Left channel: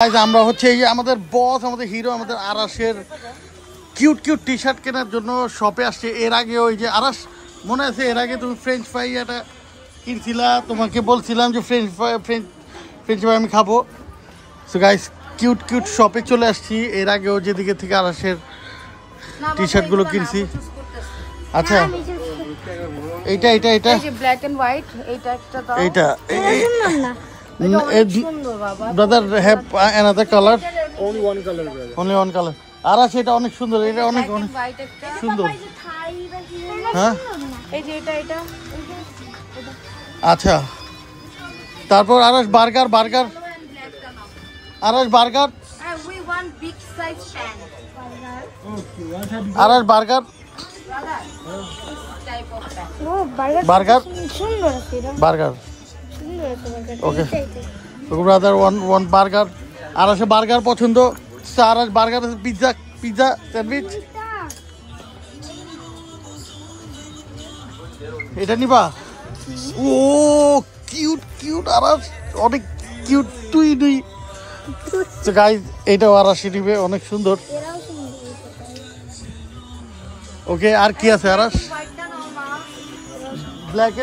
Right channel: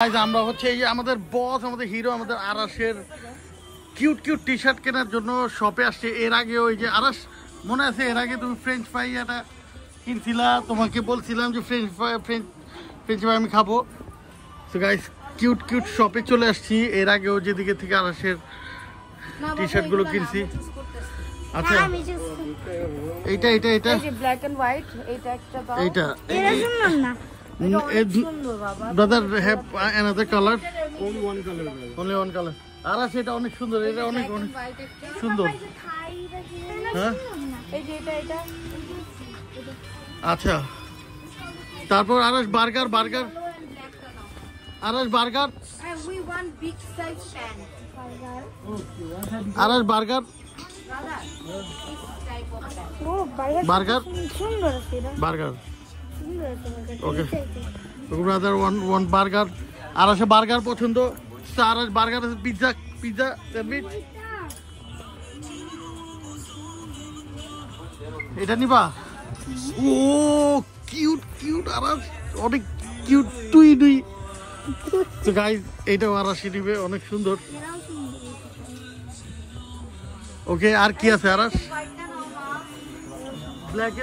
আমরা হচ্ছে এই যে আমাদের বস আমাদের হিরো আমাদের আরাসের কিউট কিউট টি শার্ট কেনার জন্য শপে আসছে। এর আগে ওই যে আরাস মনে আছে এর আগে তুমি ফ্রেঞ্চ ফ্রাই এটা কিনছিলা, তোমাকে বলছিলাম যে ফ্রেঞ্চ ফ্রাই আমি খাবো। সো গাইস কিউট কিউট শপে চলে আসছি। এর আগেও যেদিকে থেকে আরাসের টি শার্ট গুলো কিনছি। আচ্ছা এইটা এইটা এইটা ব্ল্যাক এন্ড হোয়াইট এইটা একটা দাও। এইটা brother have another color, Only one color, brother. only one color. আর সেটা অনেক সুন্দর, এটা অনেক অনেক হোয়াইট একটা সুন্দর। হ্যাঁ এই যে এটা আচ্ছা তারপর আরাস বার্গার আরাস burger we want big size fan. আরাস burger Type of fan. Burger burger okay brother one burger. আরাসে বার্গার পছন্দ, আরাস বার্গার পিৎজা স্যান্ডউইচ এটা নিবা। ও কিউট কিউট আরাস অনেক কিউট তুই তো গাইস এইটাও আরাসে নিবে, অনেক সুন্দর। ওকে আর কি আছে আরাস? ব্ল্যাক